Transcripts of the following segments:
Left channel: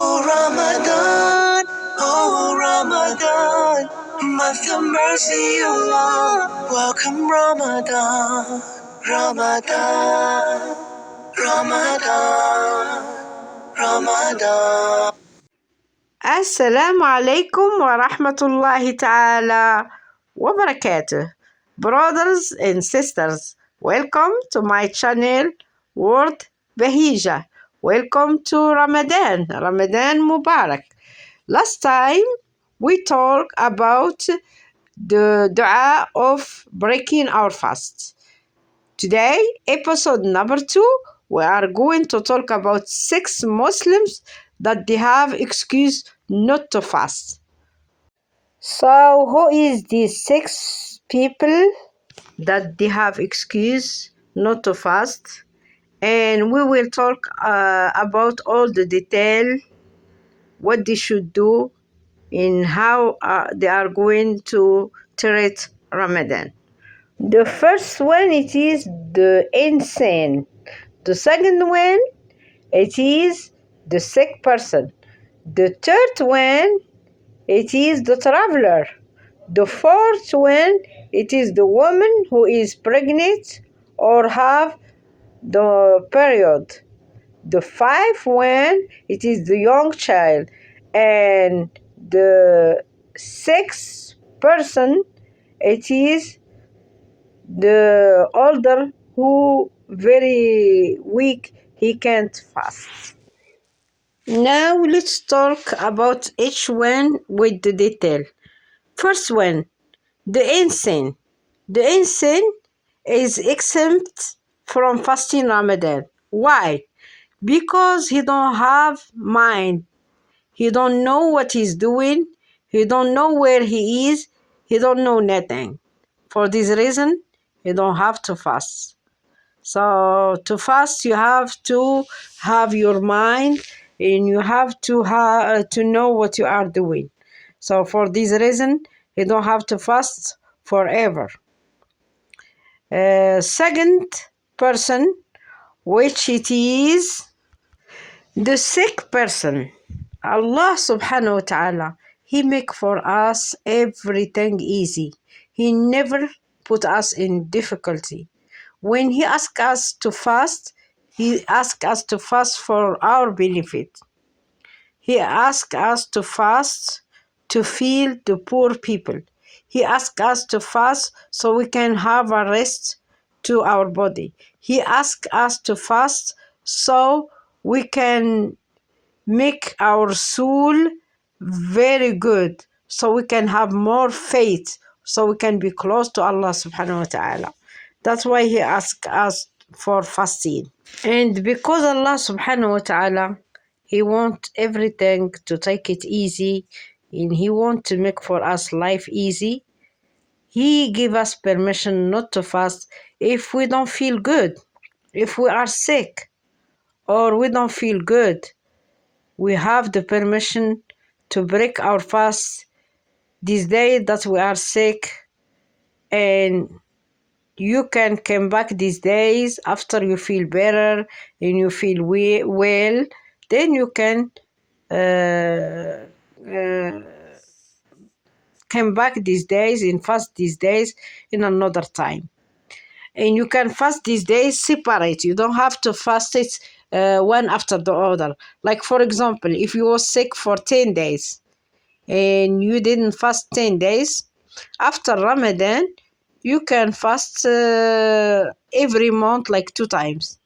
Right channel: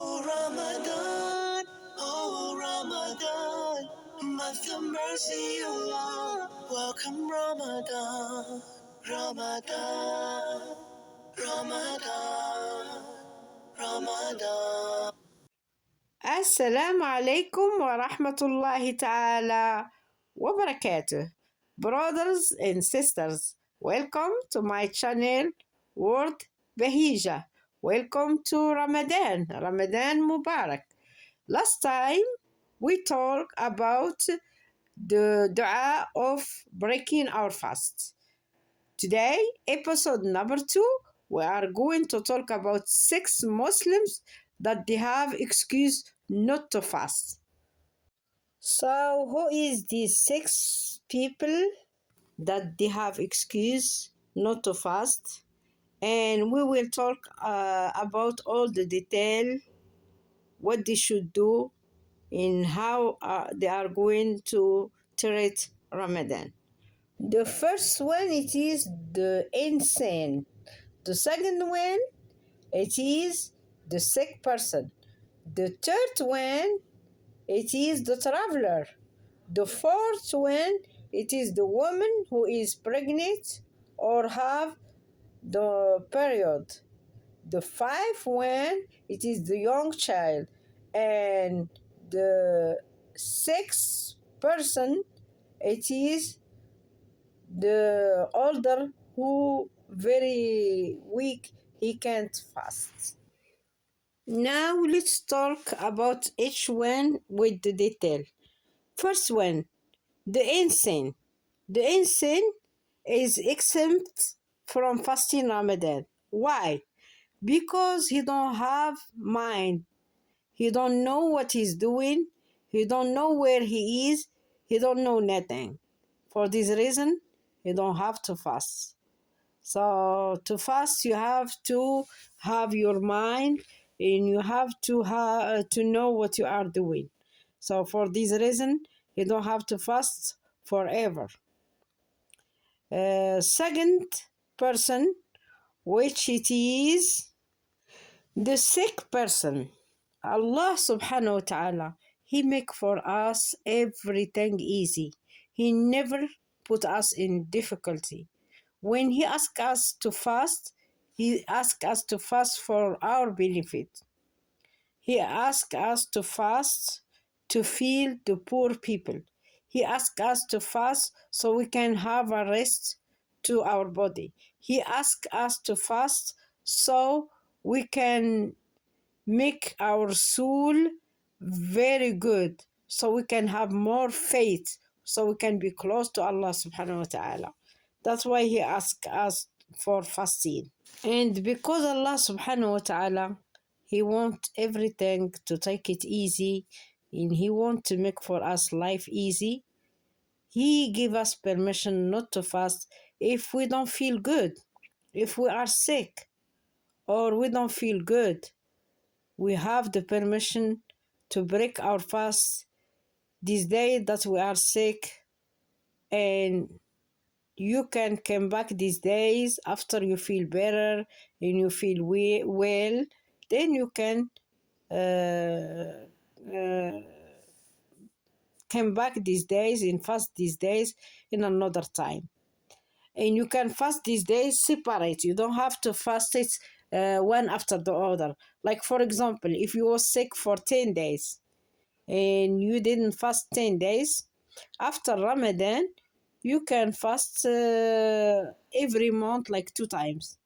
Ramadan, oh Ramadan, month of mercy, Allah. Welcome Ramadan, Ramadan, Ramadan, Ramadan. Assalamu alaikum wa rahmatullahi ta'ala wa barakatuh. Brothers and sisters, welcome to my channel, Word Bahija. Welcome to Ramadan. Ramadan Mubarak. Last time we talked about the dua of breaking our fast. Today, episode number 2, we are going to talk about 6 Muslims that they have excuse not to fast. So, who is these 6 people that they have excuse not to fast? And we will talk about all the detail, what they should do, and how they are going to treat Ramadan. The first one, it is the insane. The second one, it is the sick person. The third one, it is the traveler. The fourth one, it is the woman who is pregnant or have the period. The fifth one, it is the young child. And the sixth person, it is the older who very weak, he can't fast. Now let's talk about each one with the detail. First one, the insane. The insane is exempt from fasting Ramadan. Why? Because he don't have mind. He don't know what he's doing. He don't know where he is. He don't know nothing. For this reason, you don't have to fast. So to fast, you have to have your mind and you have to know what you are doing. So for this reason, you don't have to fast forever. Second person, which it is the sick person. Allah subhanahu wa ta'ala, He make for us everything easy. He never put us in difficulty. When He asks us to fast, He asks us to fast for our benefit. He asks us to fast to feed the poor people. He asks us to fast so we can have a rest to our body. He asks us to fast so we can make our soul very good, so we can have more faith, so we can be close to Allah subhanahu wa ta'ala. That's why He asks us for fasting. And because Allah subhanahu wa ta'ala, He wants everything to take it easy, and He wants to make for us life easy, He give us permission not to fast if we don't feel good, if we are sick, or we don't feel good. We have the permission to break our fast this day that we are sick, and you can come back these days after you feel better and you feel well, then you can come back these days and fast these days in another time. And you can fast these days separate. You don't have to fast it one after the other. Like, for example, if you were sick for 10 days and you didn't fast 10 days, after Ramadan, you can fast every month, like 2 times.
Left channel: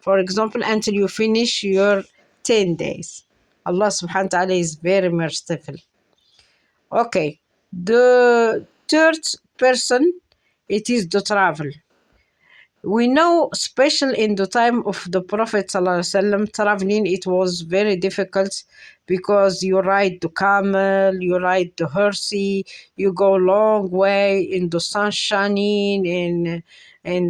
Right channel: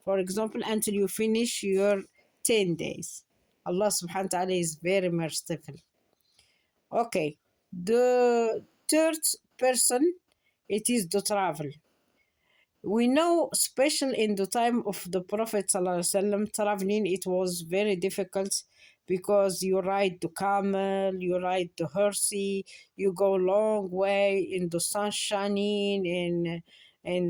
For example, until you finish your 10 days. Allah subhanahu wa ta'ala is very merciful. Okay, the third person, it is the travel. We know, especially in the time of the Prophet ﷺ, traveling, it was very difficult because you ride the camel, you ride the horsey, you go a long way in the sun shining, in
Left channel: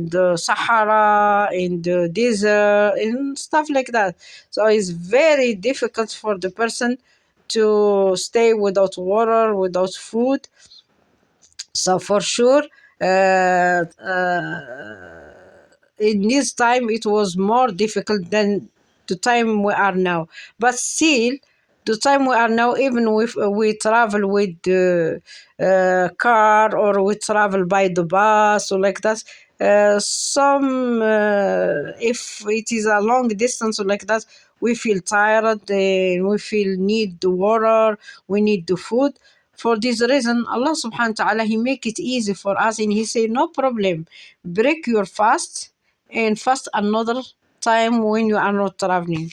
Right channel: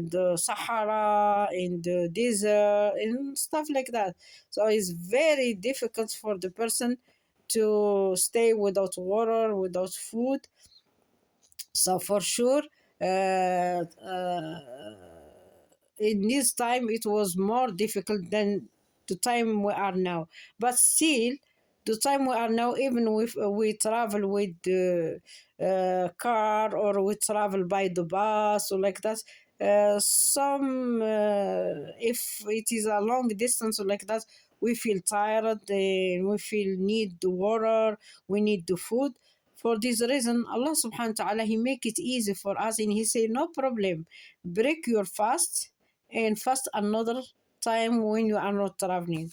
the Sahara, in the desert, and stuff like that. So it's very difficult for the person to stay without water, without food. So for sure, in this time it was more difficult than the time we are now, but still the time we are now, even if we travel with the car, or we travel by the bus or like that, some if it is a long distance or like that, we feel tired and we feel need the water, we need the food. For this reason, Allah subhanahu wa ta'ala, He make it easy for us, and He say, no problem, break your fast and fast another time when you are not traveling.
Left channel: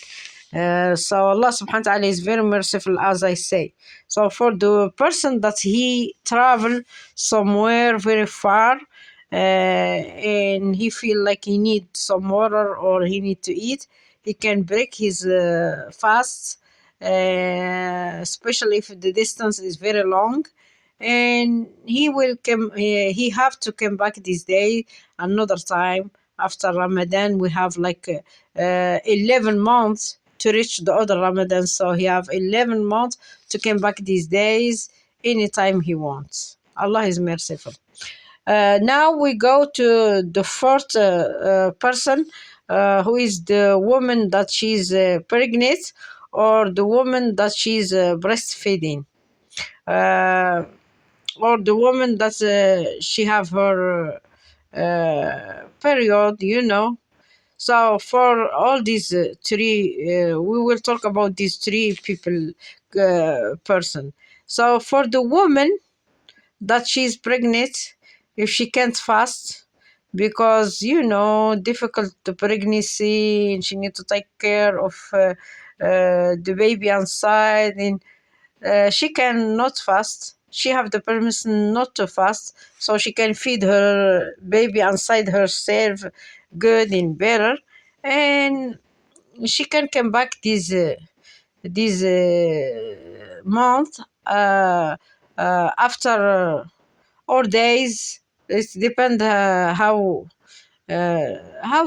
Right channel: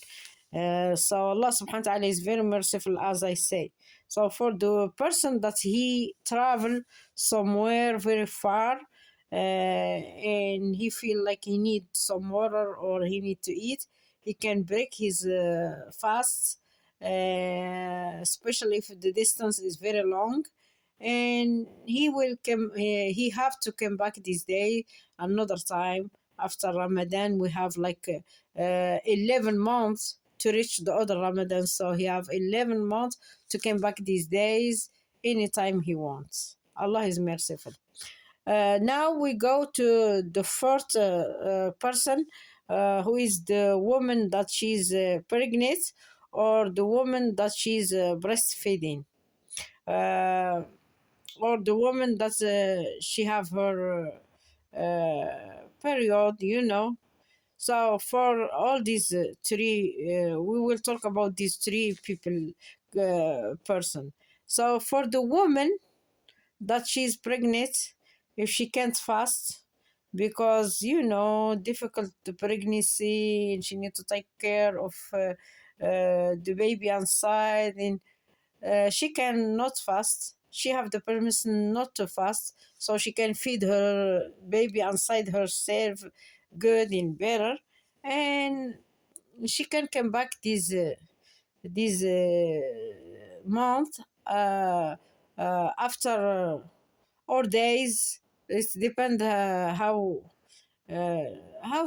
So Allah subhanahu wa ta'ala is very merciful, as I say. So for the person that he travel somewhere very far, and he feel like he need some water or he need to eat, he can break his fast, especially if the distance is very long, and he will come. He have to come back this day another time. After Ramadan, we have like 11 months to reach the other Ramadan, so he have 11 months to come back these days anytime he wants. Allah is merciful. Now we go to the fourth person, who is the woman that she's pregnant, or the woman that she's breastfeeding, uh, or the woman that she have her period. So for all these three, we will talk about these three people, person. So for the woman that she's pregnant, if she can't fast, because difficult pregnancy, and she need to take care of the baby inside, and she cannot fast. She have the permission not to fast, so she can feed her baby inside herself good and better, and she can come back this month, after or days. It depends how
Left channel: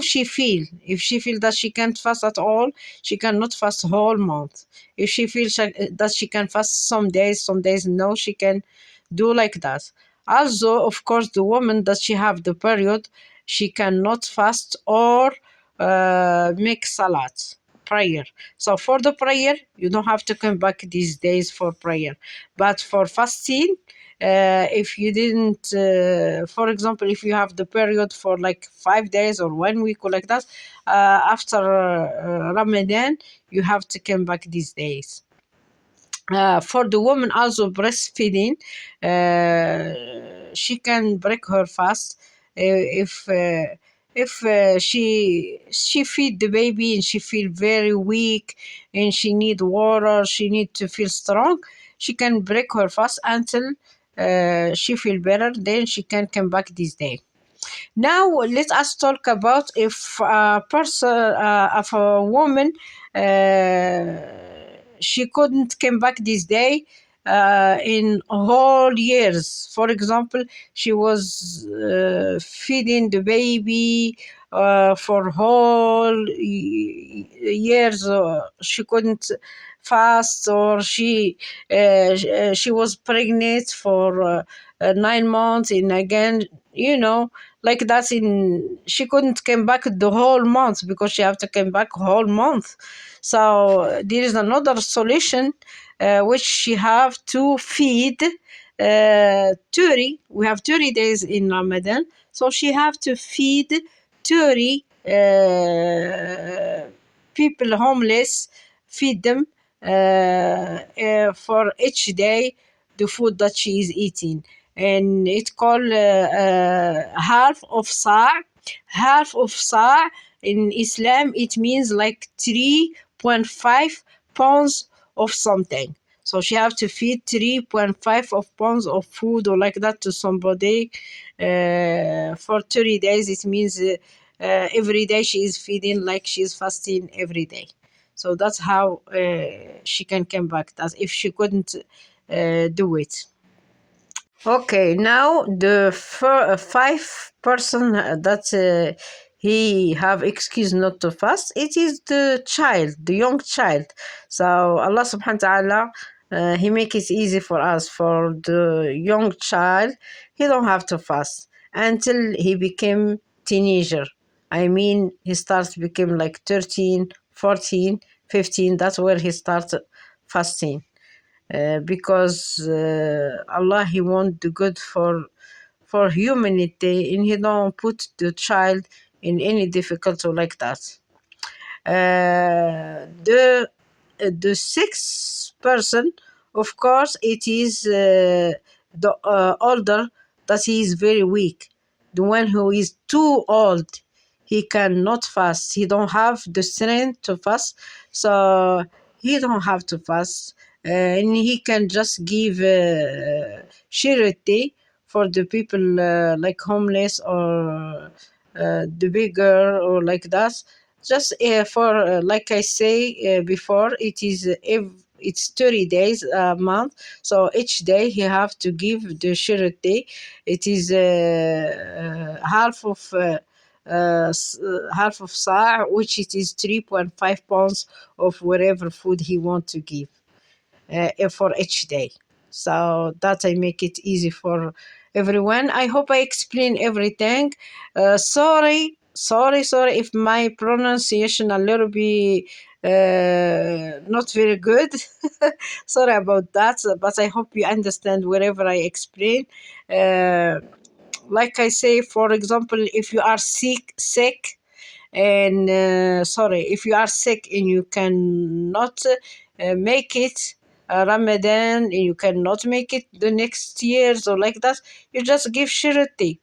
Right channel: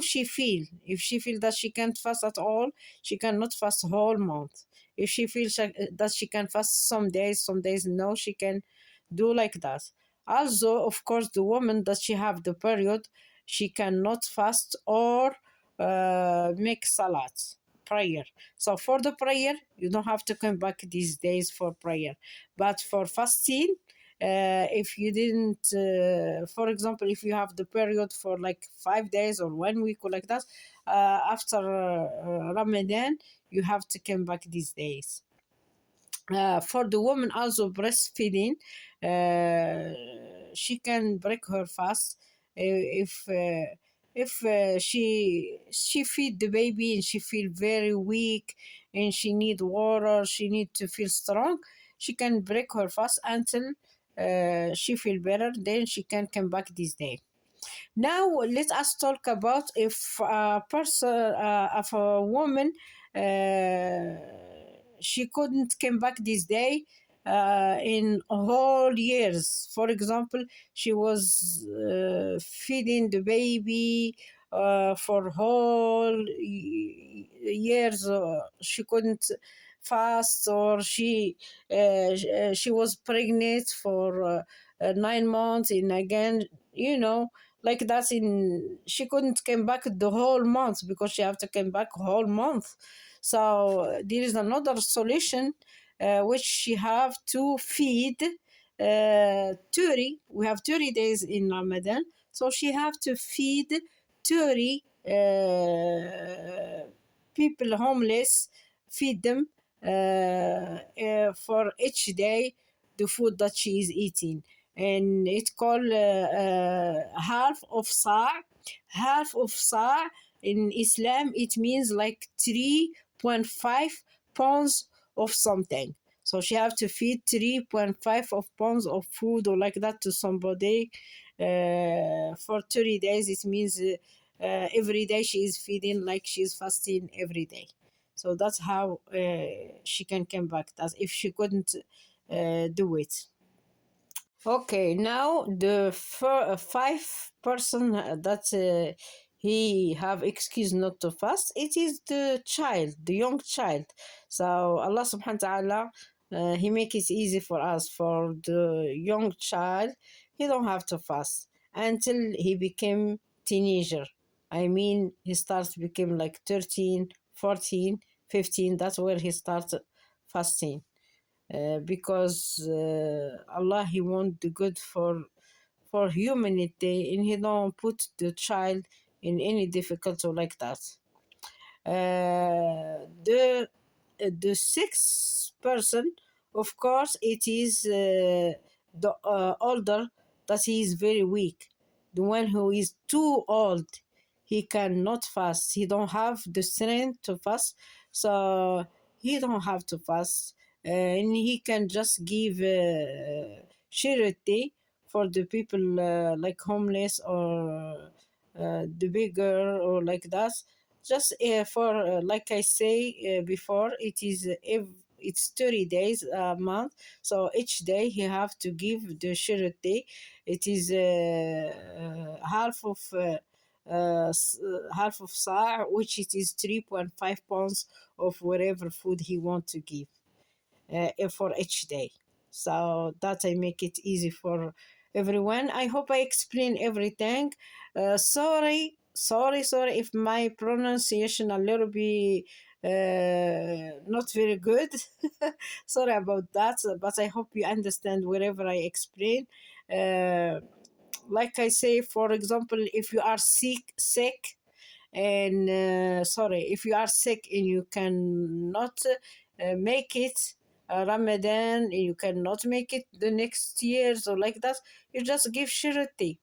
she feel. If she feel that she can't fast at all, she cannot fast whole month. If she feels that she can fast some days no, she can do like that. Also, of course, the woman that she have the period, she cannot fast or make salat prayer. So for the prayer, you don't have to come back these days for prayer, but for fasting, if you didn't, for example, if you have the period for like 5 days or 1 week or like that, after Ramadan, you have to come back these days. For the woman also breastfeeding, she can break her fast if she feed the baby and she feel very weak and she need water, she need to feel strong. She can break her fast until she feel better. Then she can come back this day. Now let us talk about if a person, if a woman, she couldn't come back this day in whole years. For example, she was feeding the baby for whole years. She couldn't fast, or she was pregnant for 9 months, and again, like that, in she couldn't come back the whole month because she have to come back whole month. So there is another solution, which she have to feed 30. We have 30 days in Ramadan, so she have to feed 30 people homeless, feed them for each day the food that she is eating, and it's called half of sa'. Half of sa' in Islam, it means like 3.5 pounds of something. So she have to feed 3.5 of pounds of food or like that to somebody for 30 days. It means every day she is feeding like she is fasting every day. So that's how she can come back. That's if she couldn't do it. Okay, now the five person that he have excuse not to fast, it is the child, the young child. So Allah subhanahu wa ta'ala, he make it easy for us. For the young child, he don't have to fast until he became teenager. I mean, he starts become like 13, 14, 15. That's where he starts fasting, because Allah, He want the good for humanity, and He don't put the child in any difficulty like that. The sixth person, of course, it is the older, that he is very weak. The one who is too old, he cannot fast. He don't have the strength to fast, so he don't have to fast, and he can just give charity for the people like homeless, or the beggar, or like that. Just for like I say before, it is it's 30 days a month, so each day he have to give the charity. It is half of sa', which it is 3.5 pounds of whatever food he want to give for each day. So that I make it easy for everyone. I hope I explain everything. Sorry if my pronunciation a little bit not very good. Sorry about that, but I hope you understand wherever I explain. Like I say, for example, if you are sick, and sorry, if you are sick and you cannot make it Ramadan, and you cannot make it the next years or like that, you just give charity.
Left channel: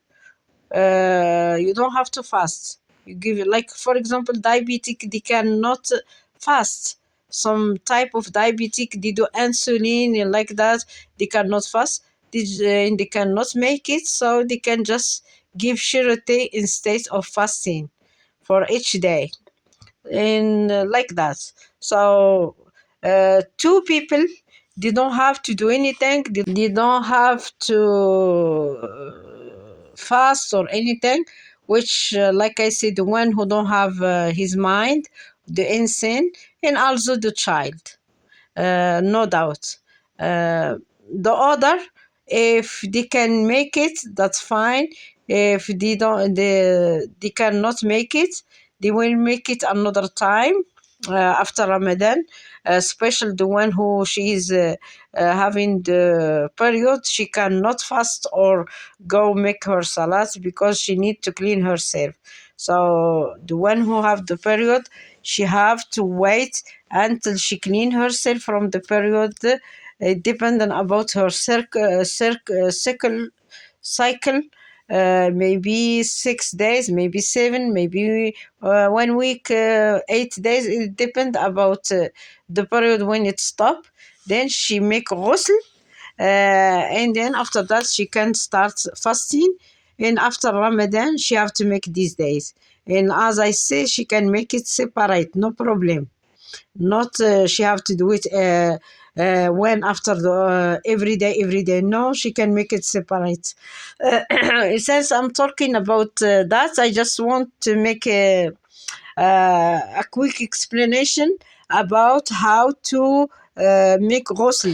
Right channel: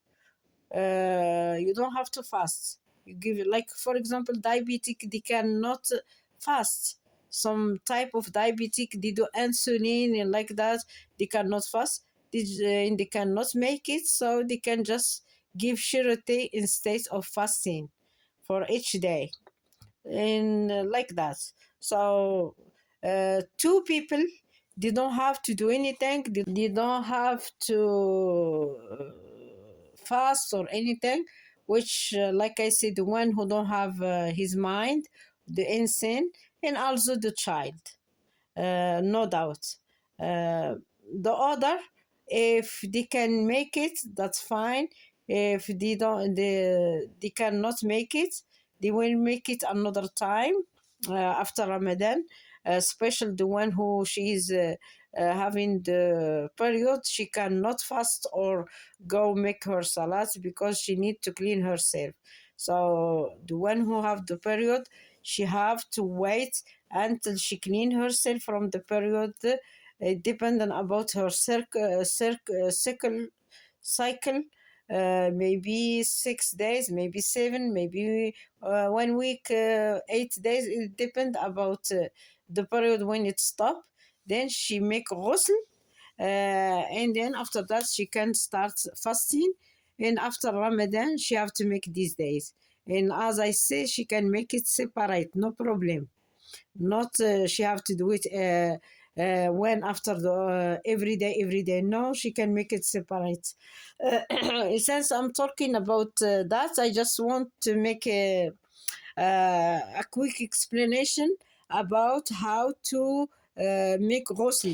You don't have to fast. You give it, like for example, diabetic, they cannot fast. Some type of diabetic, they do insulin and like that, they cannot fast. They cannot make it, so they can just give charity instead of fasting for each day, and like that. So two people, they don't have to do anything. They don't have to fast or anything, which like I said, the one who don't have his mind, the insane, and also the child, no doubt. The other, if they can make it, that's fine. If they cannot make it, they will make it another time after Ramadan. Especially the one who she is having the period, she cannot fast or go make her salat because she need to clean herself. So the one who have the period, she have to wait until she clean herself from the period, depending about her cycle, maybe 6 days, maybe seven, maybe 1 week, 8 days. It depends about the period when it stop. Then she make ghusl, and then after that she can start fasting. And after Ramadan, she have to make these days. And as I say, she can make it separate, no problem. Not she have to do it when after the every day. No, she can make it separate. Since I'm talking about that, I just want to make a quick explanation about how to make ghusl.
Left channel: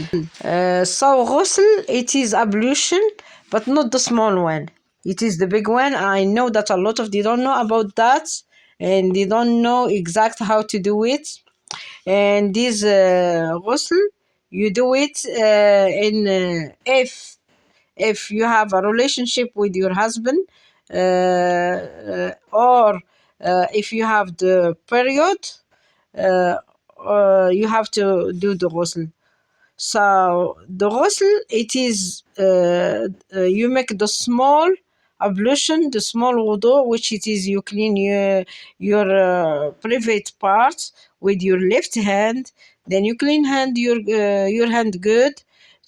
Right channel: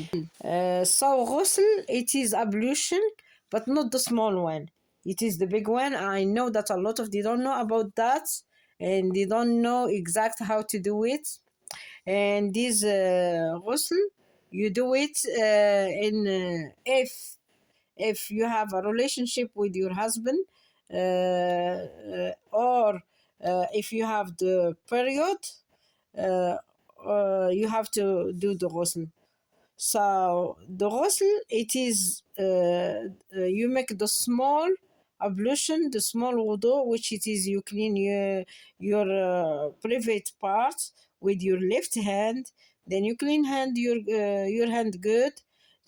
So ghusl, it is ablution, but not the small one. It is the big one. I know that a lot of they don't know about that, and they don't know exact how to do it. And this ghusl, you do it if you have a relationship with your husband, or if you have the period, uh, you have to do the ghusl. So the ghusl, it is you make the small ablution, the small wudu, which it is you clean your private parts with your left hand. Then you clean your hand good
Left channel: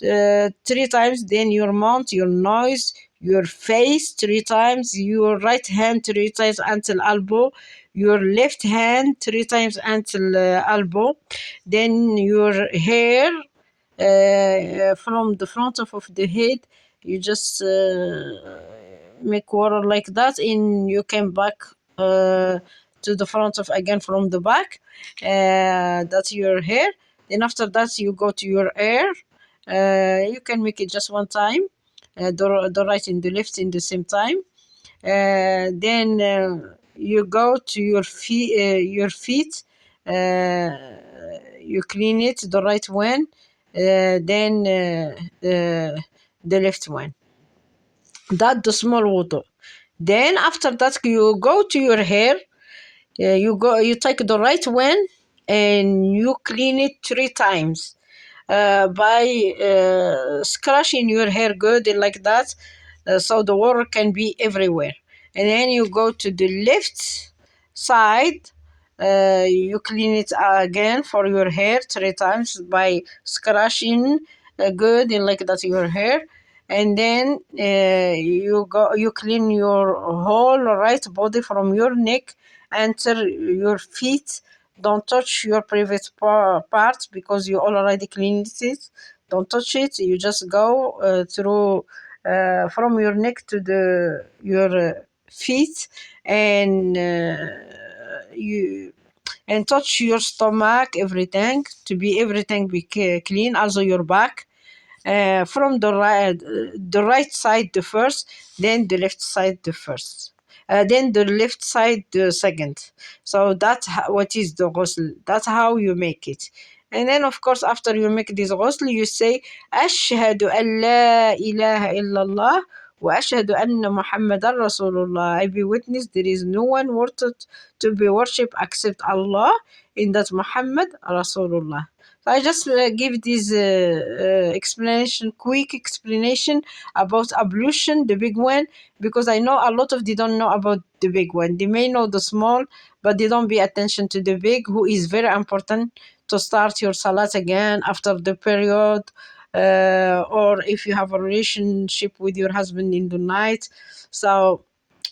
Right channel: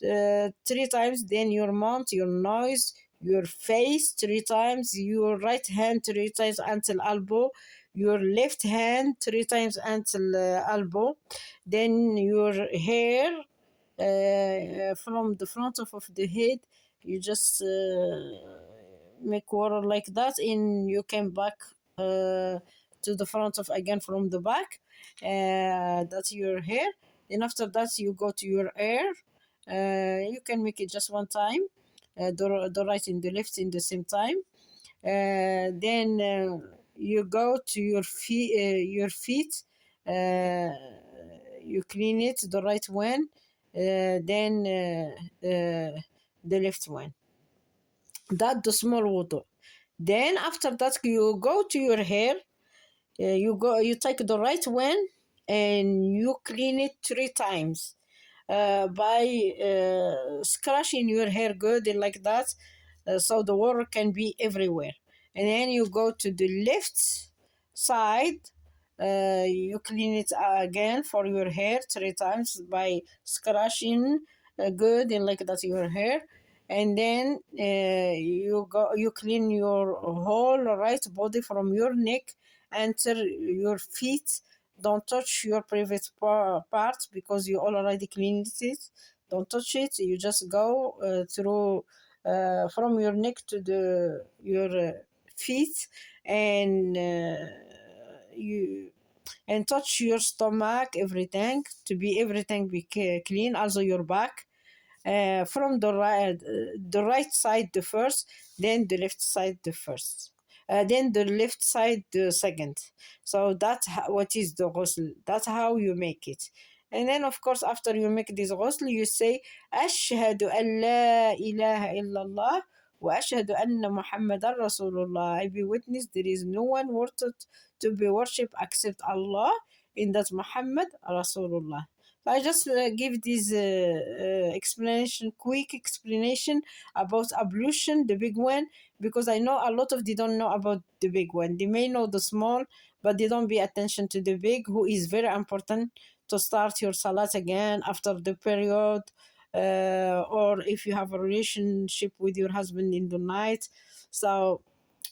3 times. Then your mouth, your nose, your face 3 times. Your right hand 3 times until elbow. Your left hand 3 times until elbow. Then your hair from the front of the head, you just make water like that, and you come back to the front of again from the back. That's your hair. Then after that you go to your hair. You can make it just one time, the right and the left in the same time. Then you go to your feet. you clean it the right one, then the left one. That the small wudu. Then after that you go to your hair. You take the right one and you clean it 3 times by scratching your hair good like that, so the water can be everywhere. And then you go to the left side. You clean it again for your hair 3 times by scratching good and like that your hair. And then you clean your whole right body from your neck enter your feet. Don't touch your private parts because you already cleaned it. Don't touch it. You just go through from your neck to your feet, and you and touch your stomach, everything to be everything be clean. Also your back. From the right side the first, then the left side the first, then the left side the second. So that's what is the ghusl. That's how you make it. And then of course after you make this ghusl you say ashhadu an la ilaha illallah wa ashhadu anna muhammadan rasulullah. I be witness there is no one worthy to be worshipped except Allah, in that Muhammad Rasulullah. So I just give this quick explanation about ablution, the big one, because I know a lot of they don't know about the big one. They may know the small, but they don't pay attention to the big, who is very important to start your salat again after the period, or if you have a relationship with your husband in the night. So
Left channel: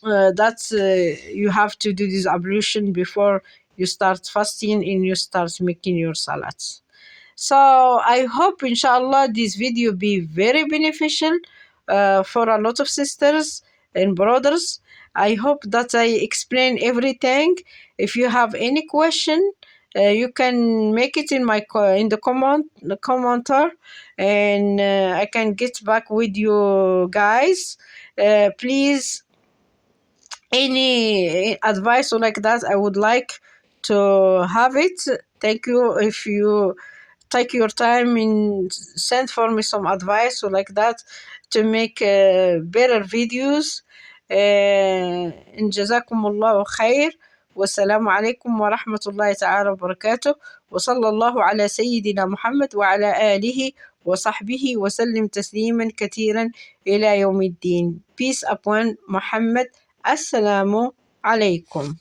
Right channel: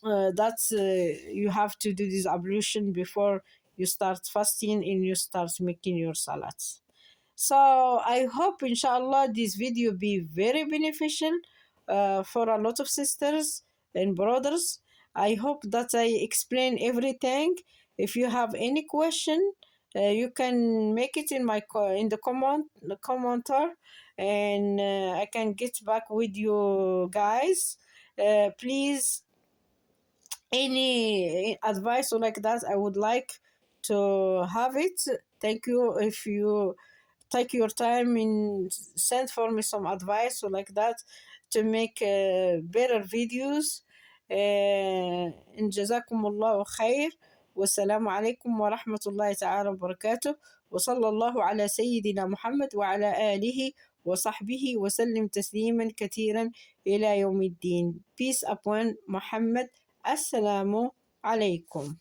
that's you have to do this ablution before you start fasting and you start making your salads. So I hope inshallah this video be very beneficial for a lot of sisters and brothers. I hope that I explain everything. If you have any question, you can make it in in the commenter, and I can get back with you guys. Please, any advice or like that, I would like to have it. Thank you if you take your time and send for me some advice or like that to make better videos. إن جزاكم الله خير، والسلام عليكم ورحمة الله تعالى وبركاته، وصلى الله على سيدنا محمد وعلى آله وصحبه وسلم تسليما كثيرا إلى يوم الدين. Peace upon Muhammad. السلام عليكم.